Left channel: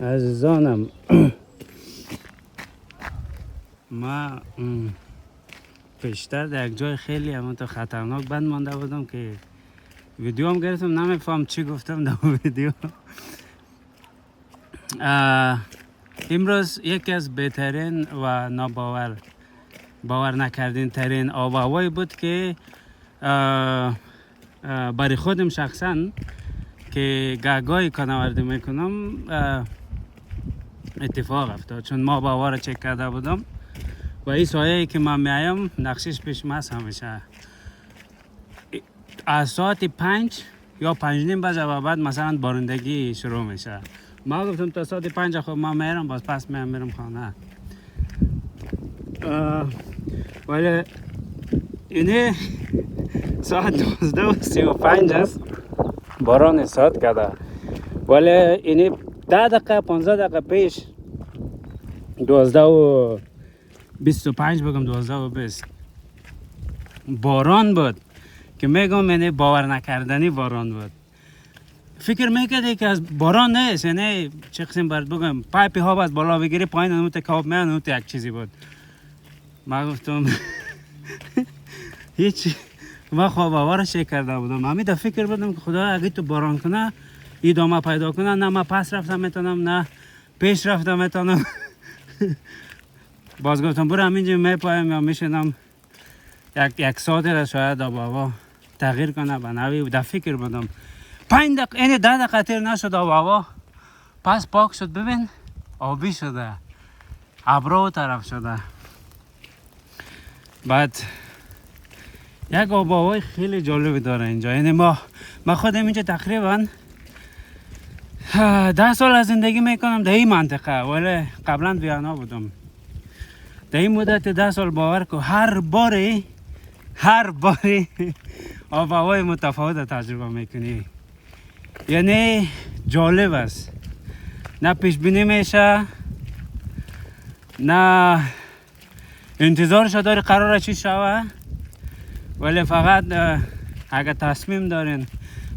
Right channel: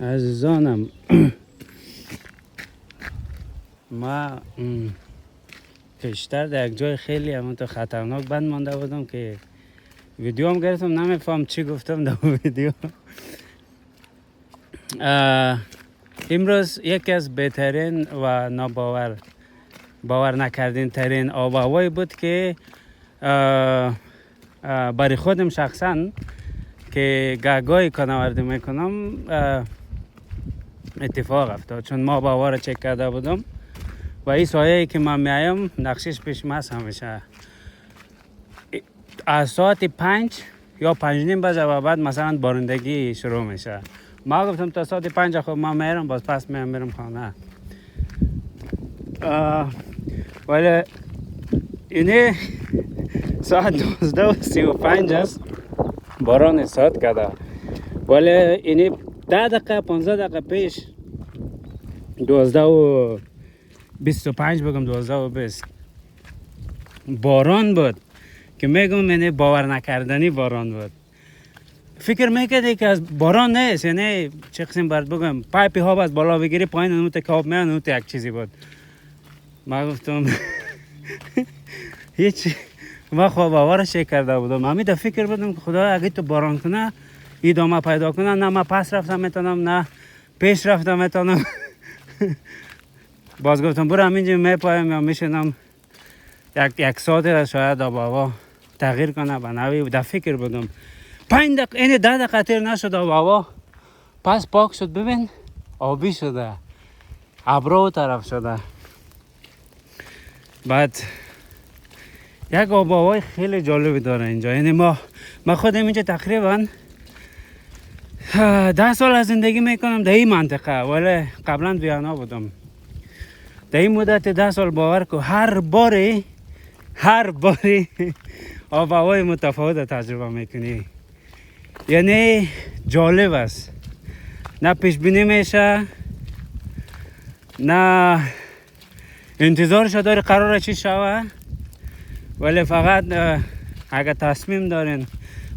عزیزانم ما پیشتر در یک جای خیلی همونطور خطرناک بند مانده بودم که ویدیو هم گرفتم، نمیفهم چی گفتم در ویدیو. امروز یکی از بهترین و باور نکردین ترین آب و هوایی بود که برای خودم شخصا که گاهی کناوردی میکنم اتفاق افتاد، چون ما با هوا را چک کرده بودم و این سایه که من میایم نقشش پیش ماست. همیشه از ساعت 5 یا 5:30 و بعد مثلا بارندگی شروع میشه. ما گفتم تا ساعت 5 خب من میرم، باز پس میرم خانه. ولی اینه ساعت 12:35 است، باران استارت کرده. ولی اینه 10 دقیقه 15 دقیقه پیش 12:25 بگم 12:20 باران بود که میگم یعنی باور نکردنی باران بود. فکر میکردی که از باران نیست، یعنی چه قسم برات بگم، پایپی ها از بالا بگیری پایین اونت کاب میان، اونت یک چیزی بود. ما گفتم هیچ، ما خواب باورش کرده بودم. من فکر بودم که خدا اگه تو باران کنه ادامه پیدا کنه، نه ما پس رفتم میتونم نه پیش رفتم میتونم. باز گفتم برو همینجا میپایم یا میشنم یک ساعت شاید آب و هوا تغییر کنه به نوی. در فکر بودم 5 دقیقه این 10 دقیقه تیر نشد آب و هوا پس پاک شد. ببین آبی شده، ابرو طرف شده. بعد یک آب و هوای خیلی جالبی داره اینجا. یعنی ما خودم اینجا تقریبا 10 سال از زندگی میکنم در این منطقه، ولی قبلا ویانا بودم. در این مدت 10 سال باور کن هر باری آب و هوای متفاوت تجربه میکنی. یعنی جالب است، نه پیش بینی میشه، نه انتظارش داری قراره چی شوه، ولی فقط اگر تصمیم دارین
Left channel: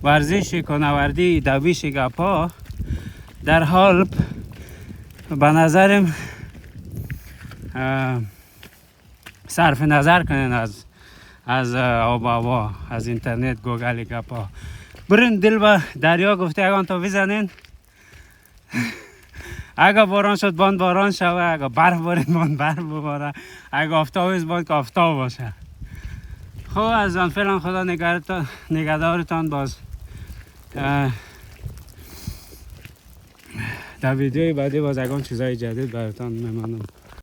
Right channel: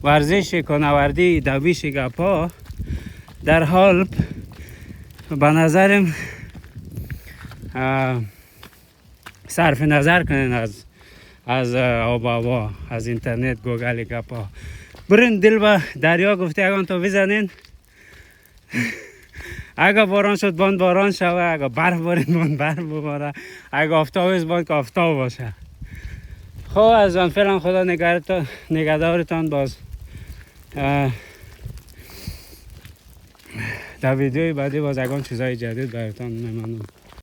ورزش کناوردی دویش گپا در حال به نظرم صرف نظر کنین از آب و هوا، از اینترنت، گوگل گپا. برین دل به دریا گفته اگه تو بزنین. اگه باران شد باند باران شوه، اگه برف بارید برف بباره، اگه آفتاب باند که آفتاب باشه. خب از آن فعلا خدا نگهدارتان. باز در ویدیوی بعدی باز اگه چیزای جدید براتان میمانم.